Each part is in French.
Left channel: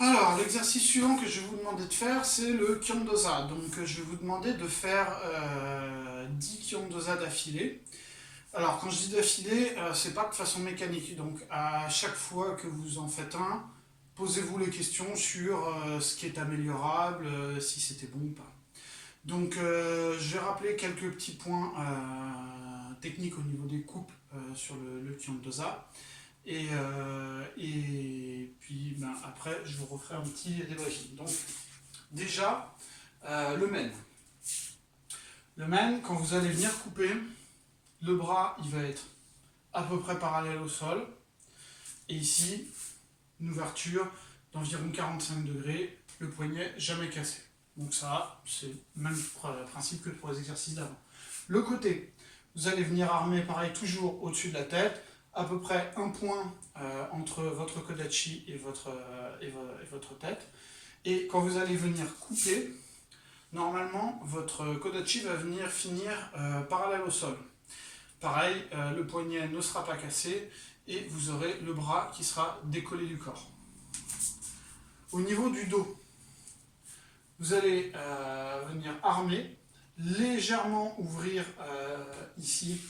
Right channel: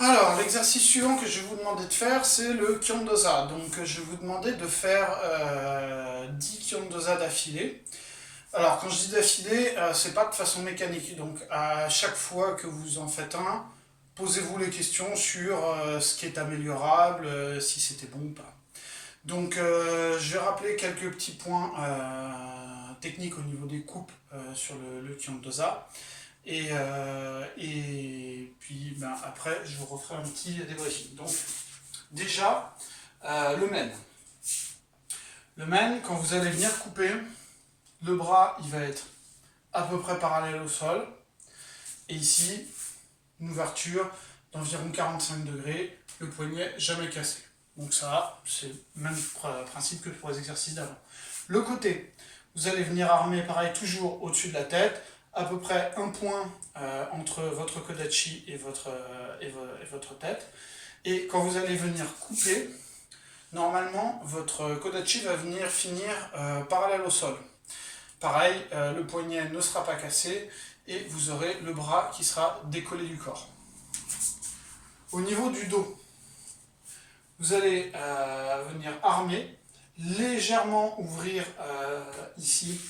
Alors, l'exercice suivant que je vais vous demander de faire, c'est le Kyon-dosa. Donc, je vais vous demander de faire 10 Kyon-dosa d'affilée. Alors, quand je dis d'affilée, c'est pas de façon mécanique. Donc, à chaque fois que vous en faites un, posez-vous les questions sur ce qui est améliorable, si c'était bon ou pas. Donc, je vais rappeler quelques petits points techniques au niveau des coupes sur le Kyon-dosa. Et puis ben, après, je vous referai un petit débriefing. Donc, déjà, le men. Le men, quand vous allez venir couper, le bras, il va être à peu près parallèle au sol. Et ici, une ouverture d'environ 45 degrés, le poignet jamais cassé. Donc ça, c'est le même principe que pour les exercices d'avant. Le côté, vous allez venir armer pareil toujours au-dessus de la tête, à peu près un point entre votre kodachi et votre tête. Et quand vous allez venir couper, normalement, votre kodachi va venir finir parallèle au sol. Pareil, le poignet ne sera pas cassé et vous aurez le bras qui sera décollé du corps. Au niveau du dos, vous allez venir armer, légèrement ouvrir ici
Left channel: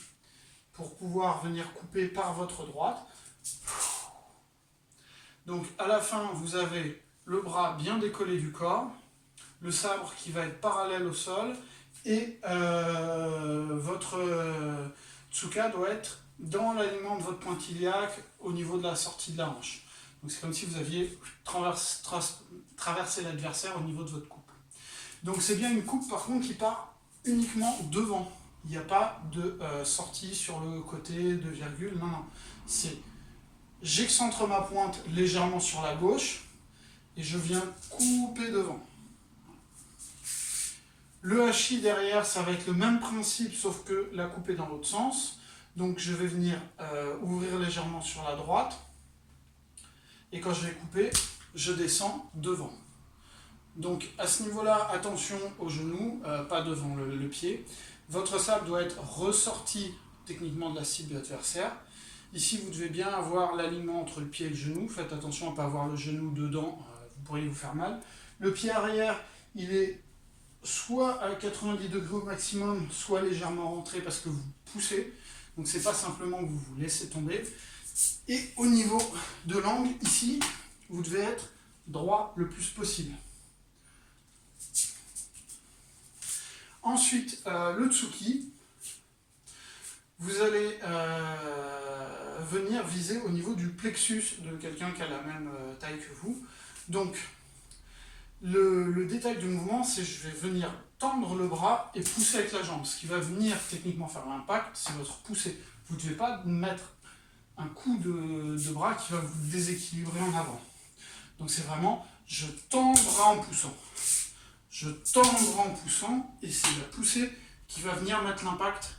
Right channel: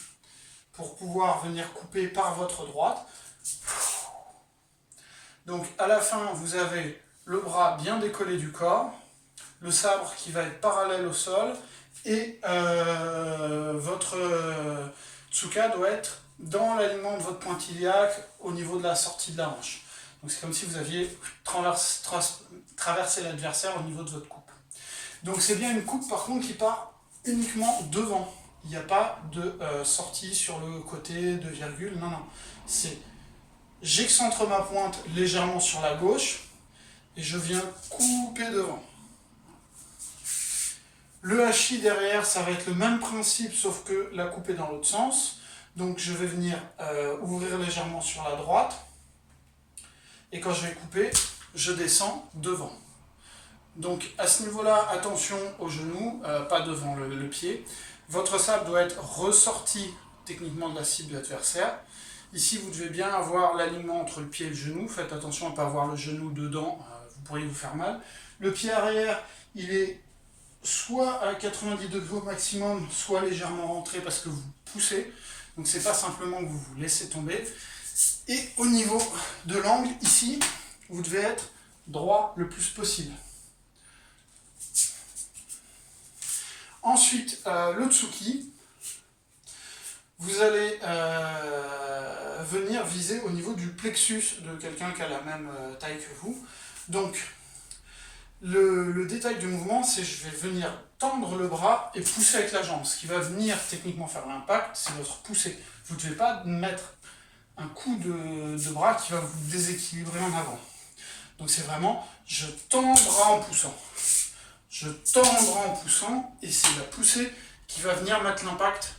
pour pouvoir venir couper par votre droite. Donc à la fin, vous avez le bras bien décollé du corps, le sabre qui va être parallèle au sol et votre tsuka doit être dans l'alignement de votre pointe iliaque au niveau de la sortie de la hanche. Donc c'est comme si vous aviez traversé l'adversaire au niveau de votre coupe. Donc c'est bien une coupe par contre qui part uniquement devant. Il n'y a pas de sortie sur le côté de virgule, non, non. C'est j'excentre ma pointe légèrement sur la gauche et je viens couper devant. Le hachis derrière, ça va être le même principe sauf que la coupe est dans l'autre sens. Donc je vais venir ouvrir légèrement sur la droite et quand je vais couper, je descends devant. Donc à ce niveau-là, attention au genou, pas devant le pied. Votre sabre doit être ressorti techniquement de la cible adversaire. Ici, vous devez bien avoir l'alignement entre le pied et le genou. Faites attention à ne pas avoir le genou dedans, vous pourriez vous faire mal. Le pied arrière, il est soit à 90 degrés au maximum, soit légèrement rentré parce que vous poussez. Donc c'est pas simplement que vous vous laissez tomber. Et au niveau de l'angle, ici, vous devez être droit le plus possible. Ensuite, le tsuki, vous allez venir viser au niveau du plexus de quelqu'un qui a la même taille que vous. Donc, le détail du mouvement, c'est je vais venir tendre le bras et pousser avec la jambe. Ce qui va venir techniquement faire l'impact, c'est votre poussée. Vous ne devez pas mettre un coup de bras qui va vous déséquilibrer en avant. Donc c'est vraiment, je tends le bras en poussant. Je tends le bras en poussant et c'est la poussée qui va venir mettre l'impact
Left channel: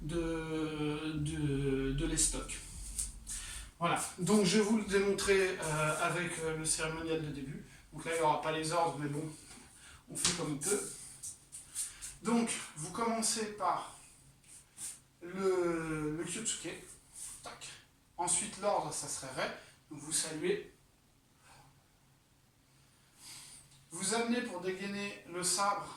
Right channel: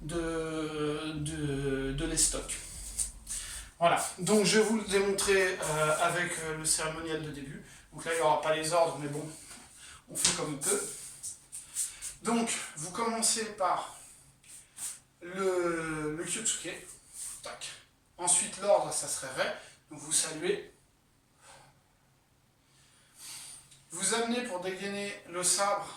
de l'estoc. Voilà, donc je vais vous le démontrer avec le cérémonial de début. Donc là, il n'y aura pas les ordres, mais bon, on fait comme on peut. Donc, vous commencez par le kyotsuke. Tac. Ensuite, l'ordre, ça serait ré. Donc, vous saluez. Vous amenez pour dégainer le sabre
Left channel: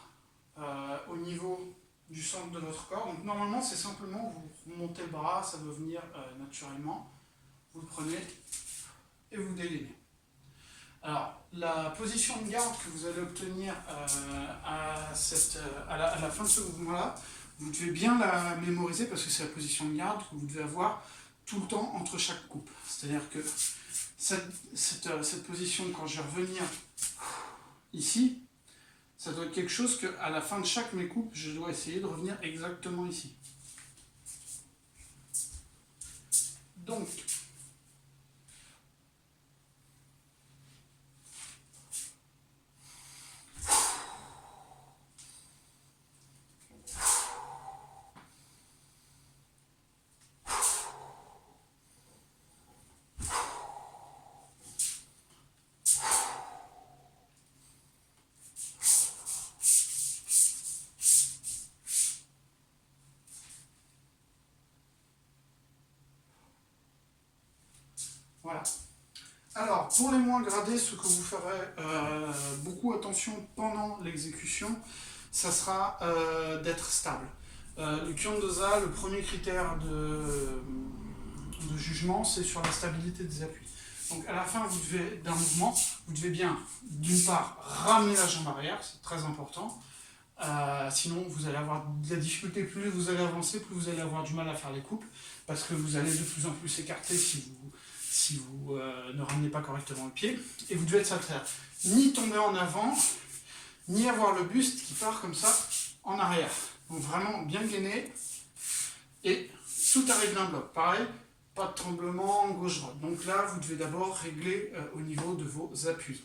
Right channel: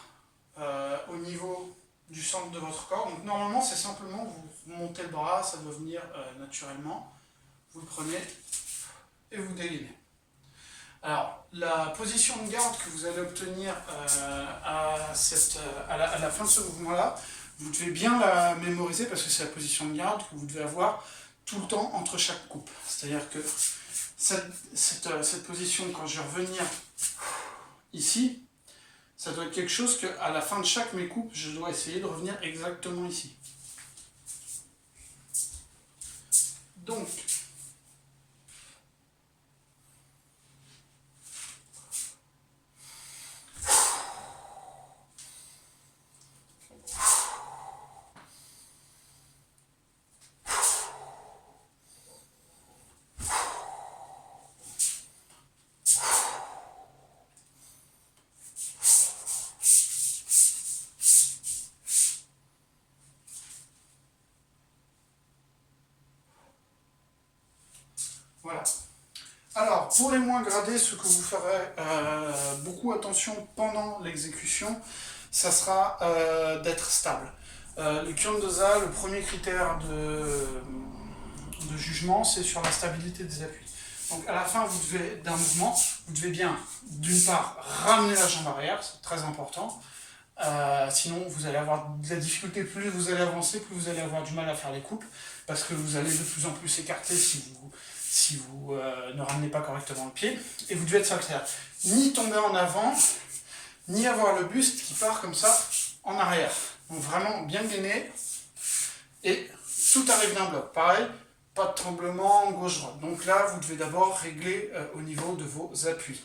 au niveau du centre de votre corps. Donc, normalement, c'est simplement vous montez le bras, ça doit venir naturellement. Vous le prenez et vous dégainez. Alors, la position de garde que vous allez obtenir à la fin de ce mouvement-là, vous devez bien la mémoriser parce que c'est la position de garde que vous devez avoir tout le temps entre chaque coupe. C'est-à-dire que cette position, quand je vais revenir ici, ça doit être quelque chose qu'à la fin de chaque mes coupes, je dois essayer de revenir exactement ici. Donc, voilà. Alors, pour les moins gradés, ce que vous ferez beaucoup attention pendant l'exécution, ça sera d'être stable. Le Kyon-Dosa, le premier critère de jugement, c'est sur la stabilité des appuis. Donc à la fin d'un mouvement, vous devez bien, d'une part, ramener la jambe arrière, c'est très important. Sinon, vous allez avoir de la difficulté, plus vous allez avancer, plus vous allez avoir du mal à faire les coupes, parce que vous allez de plus en plus écarter si vous ne ramenez pas correctement le pied. Et vous devez être solitaire. Ni tomber en avant, ni avoir le buste qui part comme ça en arrière. Donc vraiment bien gainé, et tout arrive d'un bloc. Pareil, pas de tremblement gauche-droite. Donc là, vous devez d'abord régler au niveau de vos appuis.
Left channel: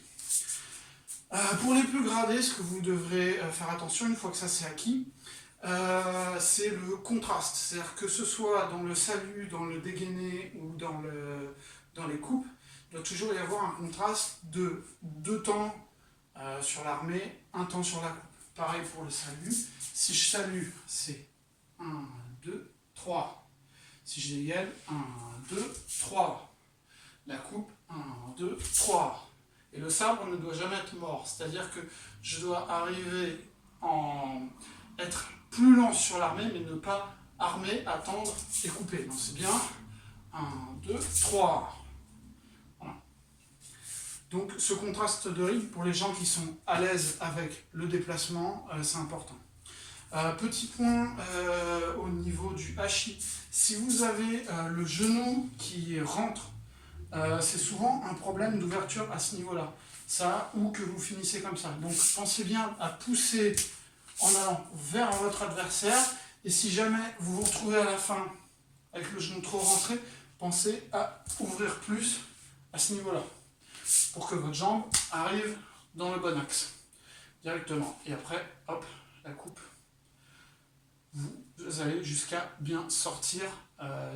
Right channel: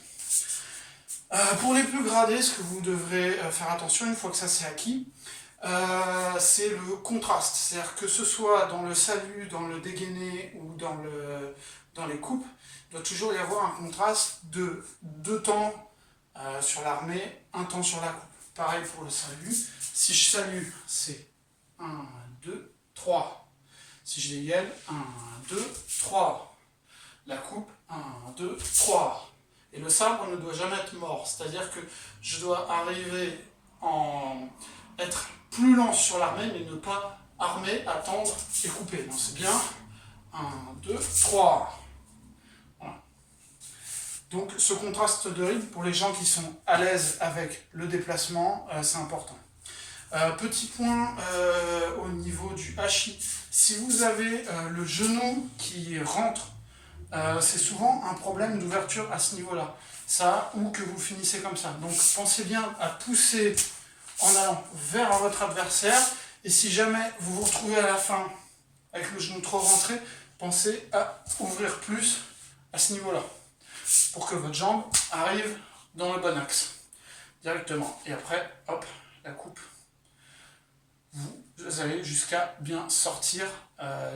Pour les plus gradés, ce que vous devrez faire attention, une fois que ça c'est acquis, c'est le contraste. C'est-à-dire que ce soit dans le salut, dans le dégainé ou dans les coupes, il doit toujours y avoir un contraste de 2 temps sur l'armée, 1 temps sur la coupe. Pareil pour le salut. Si je salue, c'est 1, 2, 3. Si je dégaine, 1, 2, 3. La coupe, 1, 2, 3. Et le sabre ne doit jamais être mort. C'est-à-dire que je dois arriver être plus lent sur l'armée, mais ne pas armer, attendre et couper. Donc c'est bien 1, 2, 3. Voilà. Donc ce contraste de rythme, pour les gens qui sont à l'aise avec le déplacement, c'est important. Petit point au niveau du hachis. Si vous avez le genou qui rentre, c'est souvent un problème d'ouverture à ce niveau-là. Ça, ou que vous finissez comme ça. Donc pensez bien à pousser en allant vers votre adversaire. Et si jamais vous vous retrouvez à la fin avec le genou trop rentré, pensez à ouvrir plus à ce niveau-là, pour que votre jambe arrive dans le bon axe, directement. Et après, hop, la coupe. Vous allez jusqu'à bien sortir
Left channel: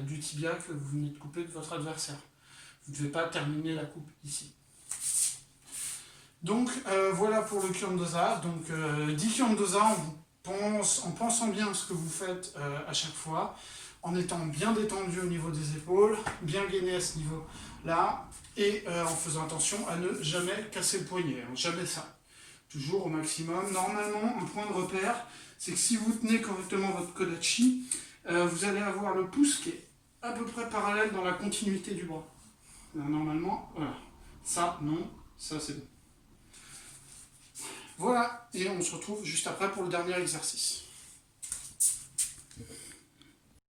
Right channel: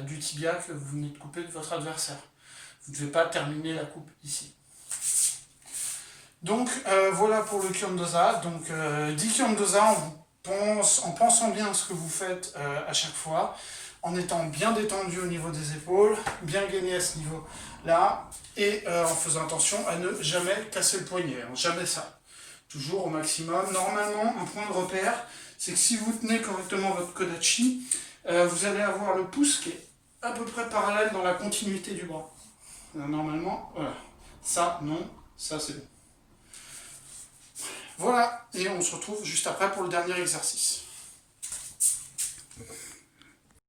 du tibia que vous venez de couper de votre adversaire. Vous ne devez pas terminer la coupe ici. Donc voilà pour le Kyon-Dosa. Donc 10 Kyon-Dosa en pensant bien ce que vous faites à chaque fois, en étant bien détendu au niveau des épaules, bien gainé à ce niveau-là, et en faisant attention à ne jamais casser le poignet, jamais ça. Toujours au maximum. Normalement, un point de repère, c'est que si vous tenez correctement votre kodachi, vous allez avoir le pouce qui est à peu près parallèle dans la continuité du bras. Normalement, voilà. Ça, non, ça c'est bon. Voilà, et on se retrouve juste après pour le dernier exercice.